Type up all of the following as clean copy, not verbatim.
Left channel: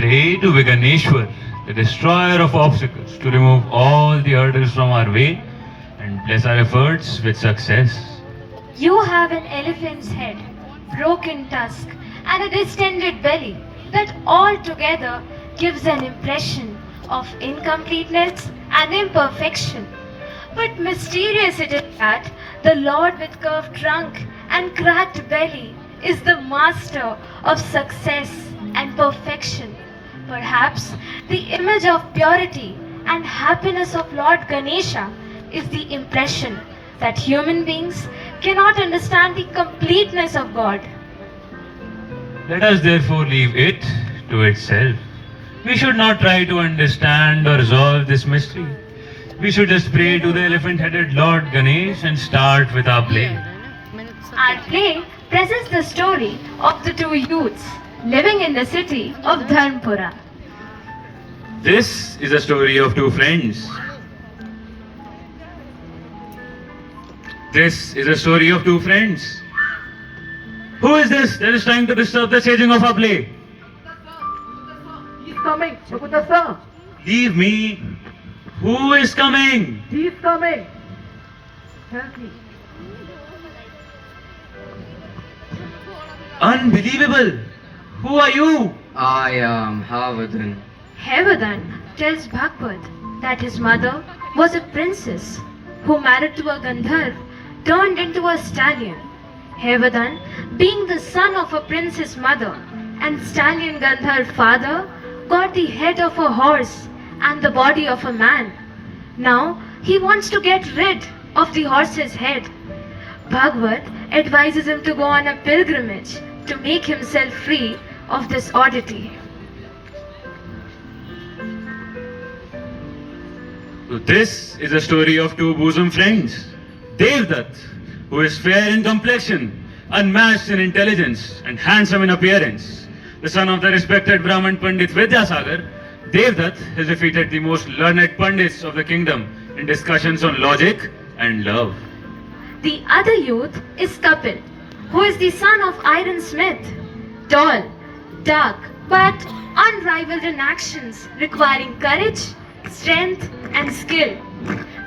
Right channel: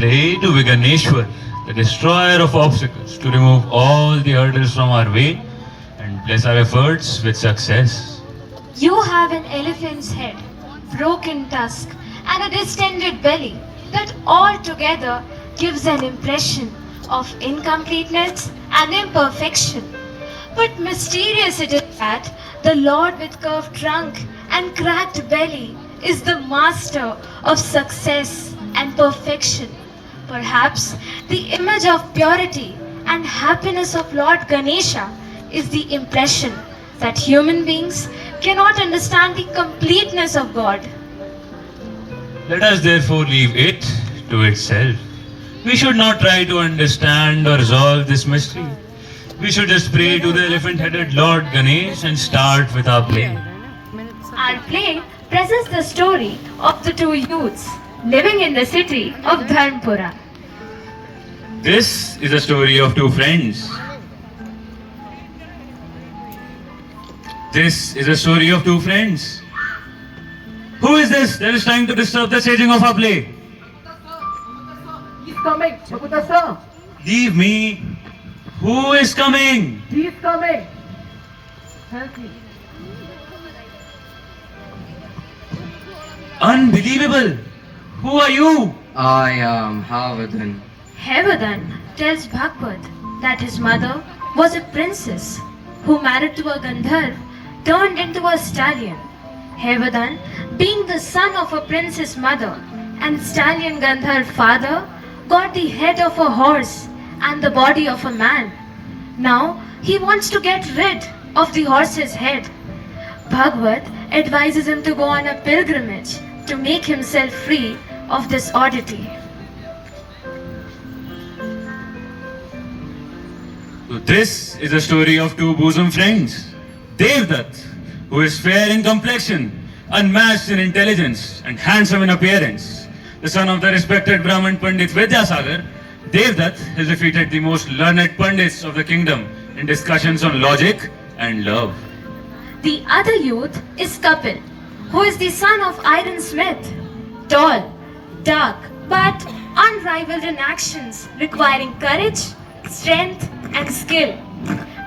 pray to Viganeshwar, the destroyer of obstacles, to remove all the hurdles from our way and bless our efforts with success. You have an elephant's head, broken tusk, and a distended belly that all together gives an impression of incompleteness and imperfection. But mysterious it is that the Lord with curved trunk and cracked belly is the master of success and perfection. Perhaps the image of purity and happiness of Lord Ganesha is the impression that human beings cannot understand the completeness of God. Let us therefore leave it to itself. We should not try to understand or resolve this mystery. We should just pray to the elephant-headed Lord Ganesh and start with our play. Our play presents the story of the two youths living in the city of Dharmpura. This is a story of two friends. This is a story of two friends. Who is this that is trying to disturb the staging of our play? He's coming. Makuta sir. Leave me. Who is coming? He's coming. Help me. Unbelievable. Who are you? I am Hayavadana. Hayavadana tells Bhagavad that his mother was a princess who married to a Gandharv turned into a stallion. Hayavadana, being the son of a princess mother and stallion Gandharv father, got the head of a horse and the body of a man. Now he wants to get rid of the horse's head. Bhagavad advises him to go on a pilgrimage to make himself free of this oddity. So this is a story of two bosom friends. Devdutt, who is fair in complexion, unmatched in intelligence, and handsome in appearance. The son of the respected Brahmin Pandit Vidyasagar, Devdutt has defeated the most learned Pandits of the kingdom in discussions on logic and love. The other youth is Kapil, who is the son of Iron Smith, tall, dark, but unrivaled in actions, requiring courage, strength, and skill.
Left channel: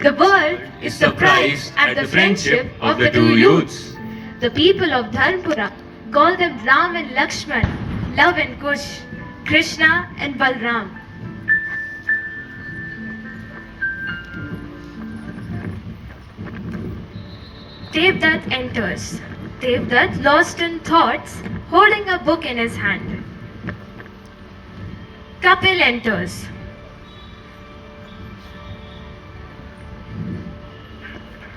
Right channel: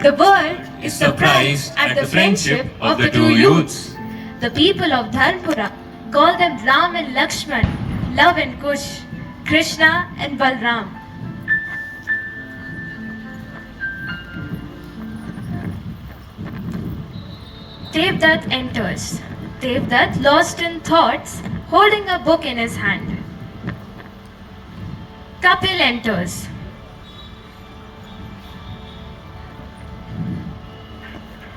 The world is surprised at the friendship of the two youths. The people of Dharmpura call them Ram and Lakshman, Love and Kush, Krishna and Balram. Devdutt enters. Devdutt, lost in thoughts, holding a book in his hand. Kapil enters.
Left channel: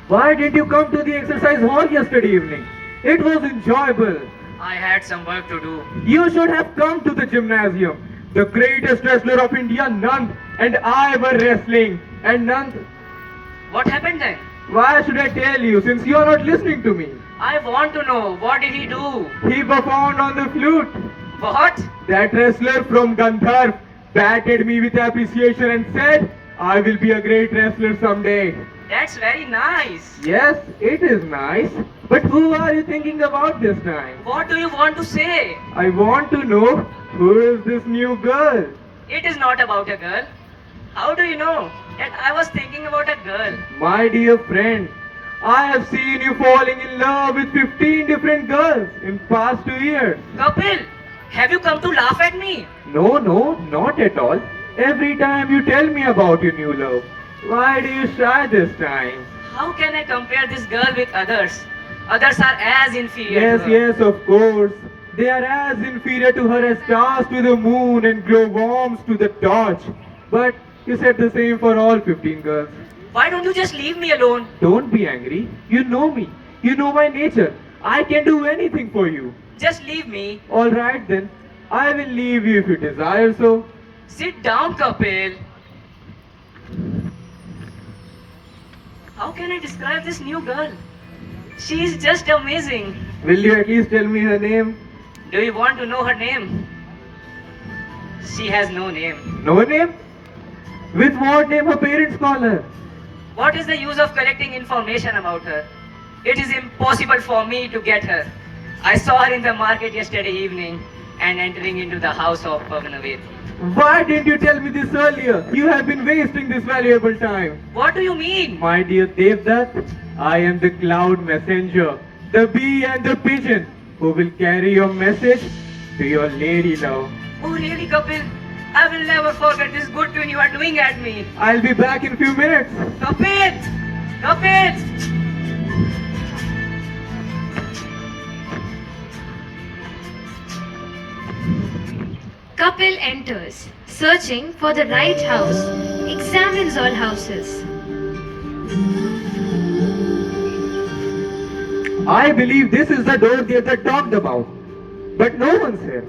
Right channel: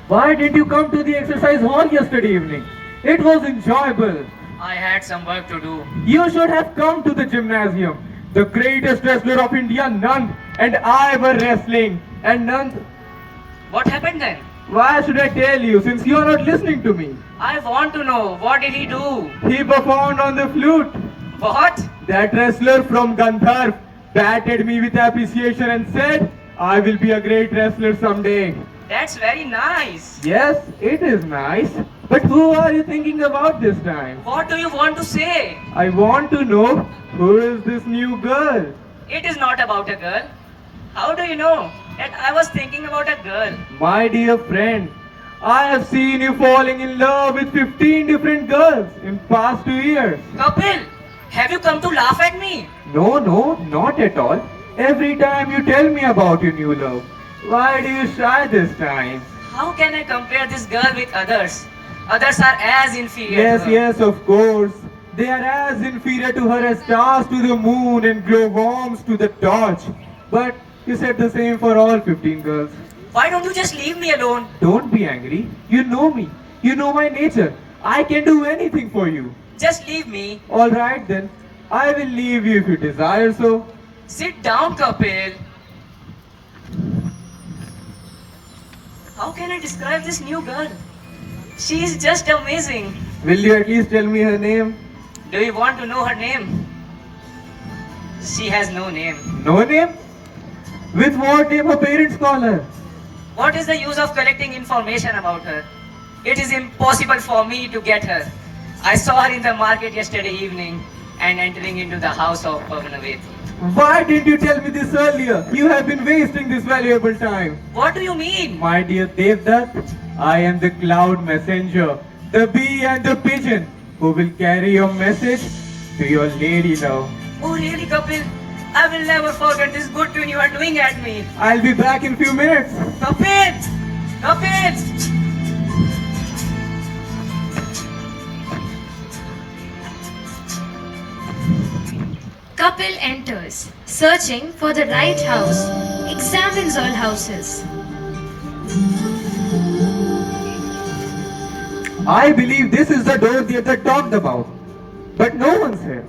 Why didn't you come to the exercise hall yesterday evening? It was enjoyable. I had some work to do. You should have come to the gymnasium. The greatest wrestler of India, Nand, and I were wrestling. And Nand, What happened then? why should I tell you since you are not listening to me? I want to know. What did he do? He performed on the flute. What? That wrestler from Gandharv patted me with appreciation and said, I will be a great wrestler someday. That's very nice. Yes, it is nice. But who are you thinking about this time? What do you want to say? I want to know who is this new girl? It is not about a girl. How do you know that I was thinking about a girl? My dear friend, I have seen you falling in love with 15 different girls in past 2 years. Kapil, have you come to laugh at me? No, not at all. Every time you tell me about your new love. Why do you shy this time? How can I compare this girl with others? Others are as inferior Yes, to her. yes, of course. They are as inferior to her as stars to the moon and glowworms to the torch. But you said the same for all 15 girls. Why don't you just leave me alone? Don't be angry. You know me. You know my nature. I can do anything for you. Just leave me. Alright then. I will leave you if you desire so. Sit down, Kapil. How can I describe this new girl? She is just amazing. Will you at least tell me her name? Do you want to know her name? She has no name. No name? With what name her parents call her? What is the use of collecting information about her? It is impossible for me to get her. I saw her in the market yesterday evening. and entering into the house of Pavanavet. Why didn't you tell me this earlier? You have been wasting this valuable time. What do you mean? My dear Devdutt, I am the cloud messenger, the bee and the pigeon, who will carry your message to your lady love. Oh really, Kapil? I will never forget this good tune you are doing at me. I'll be back in few minutes. Kapil! Kapil! Kapil enters, searching for the right house, examines all houses. I believe this is the door Devdutt talked about, but no one's here.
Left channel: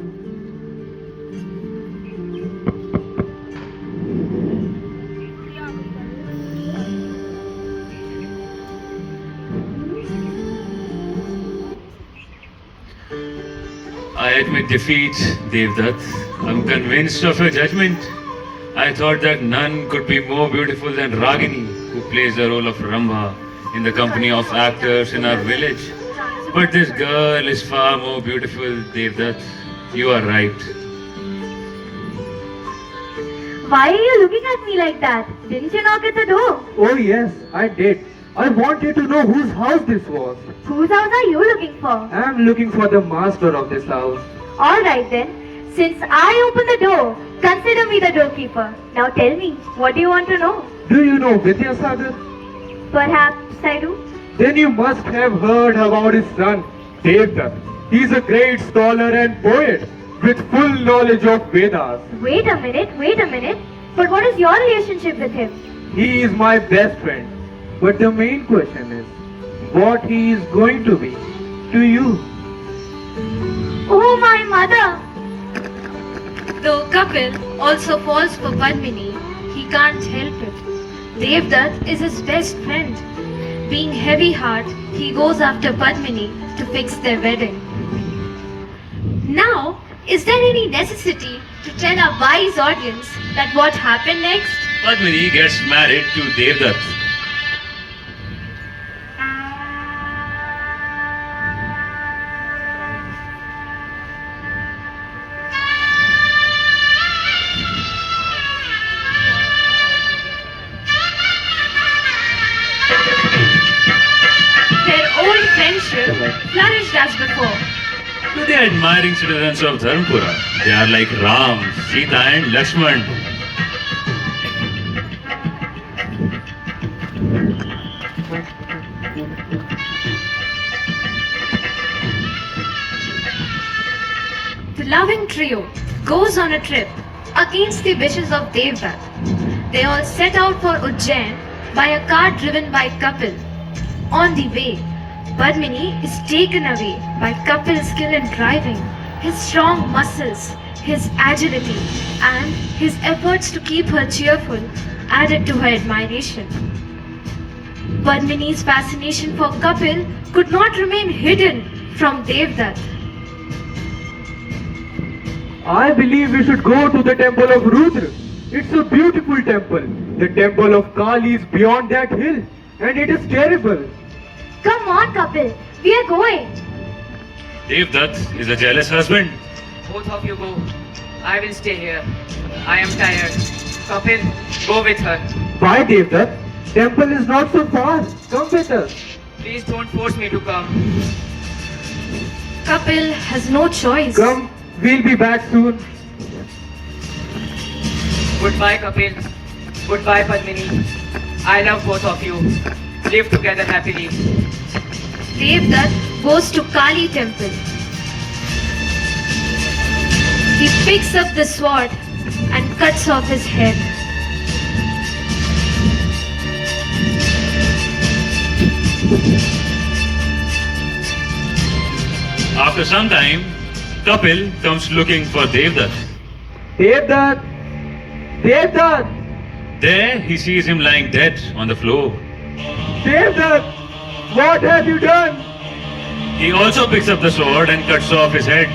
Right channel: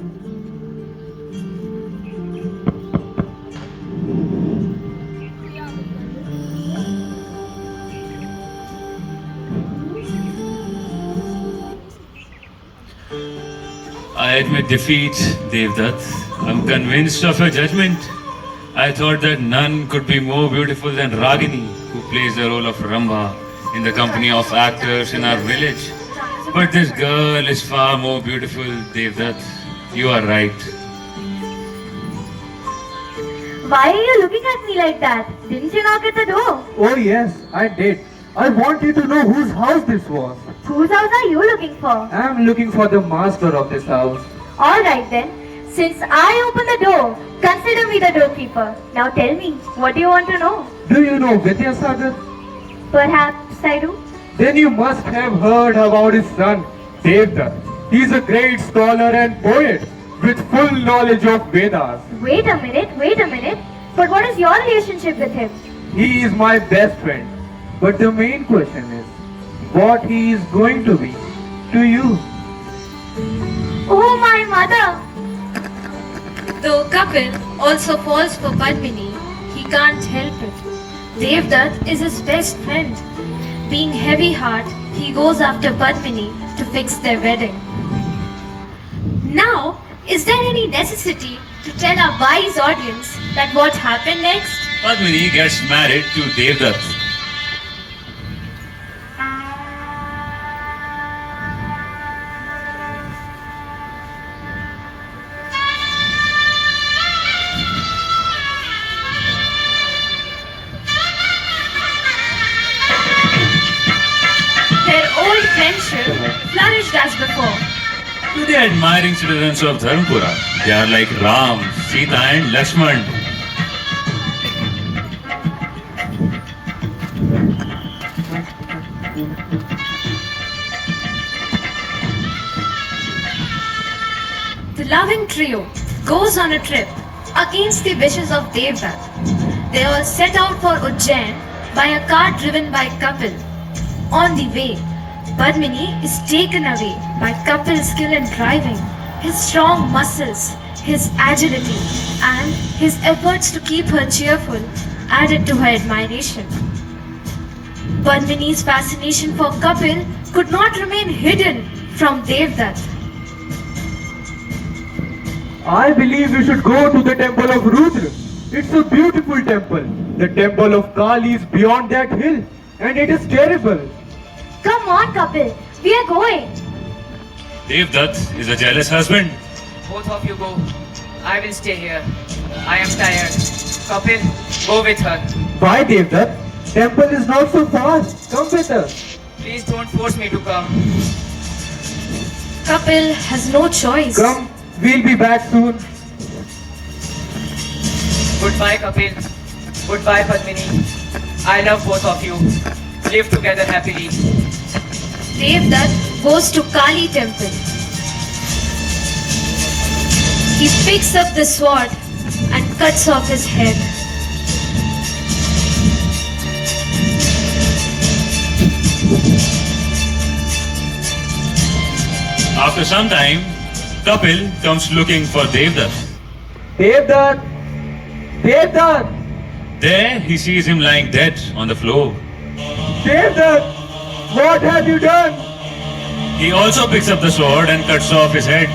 I admit defeat, Devdutt. I'm convinced of your judgment. I thought that none could be more beautiful than Ragini, who plays the role of Rambha in the company of actors in our village. But this girl is far more beautiful, Devdutt. You are right. Why are you looking at me like that? Didn't you knock at the door? Oh yes, I did. I want you to know whose house this was. Whose house are you looking for? I'm looking for the master of this house. Alright then. Since I opened the door, consider me the doorkeeper. Now tell me, what do you want to know? Do you know Vidyasagar? Perhaps I do. Then you must have heard about his son, Devdutt. He's a great scholar and poet with full knowledge of Vedas. Wait a minute. But what is your relationship with him? He is my best friend. But the main question is, what he is going to be to you? Oh, my mother! Though Kapil also falls for Padmini, he can't help it. Devdutt is his best friend. Being heavy heart, he goes after Padmini to fix their wedding. Now, is there any necessity to tell our wise audience that what happened next? Padmini gets married to Devdutt. Their old friendship flourished as before. To the admiring citizens of Dharmpura, they are like Ram, Sita and Lakshman. The loving trio goes on a trip against the wishes of Devdutt. They all set out for Ujjain by a car driven by Kapil. On the way, Padmini is taken away by Kapil's skill in driving, his strong muscles, his agility, and his efforts to keep her cheerful added to her admiration. Padmini's fascination for Kapil could not remain hidden from Devdutt. I believe we should go to the temple of Rudra. It's a beautiful temple. The temple of Kali is beyond that hill, and it is terrible. Come on, Kapil. We are going. Devdutt is a jealous husband. Both of you go. I will stay here. I am tired. Kapil, go with her. Why, Devdutt? Temple is not so far. Come with us. Please don't force me to come. Kapil has no choice. Come, we'll be back soon. Goodbye, Kapil. Goodbye, Padmini. I love both of you. Live together happily. Devdutt goes to Kali temple. He picks up the sword and cuts off his head. After some time, Kapil comes looking for Devdutt. Devdutt! Devdutt! There he sees him lying dead on the floor. Devdutt! What have you done? He also picks up the sword and cuts off his head.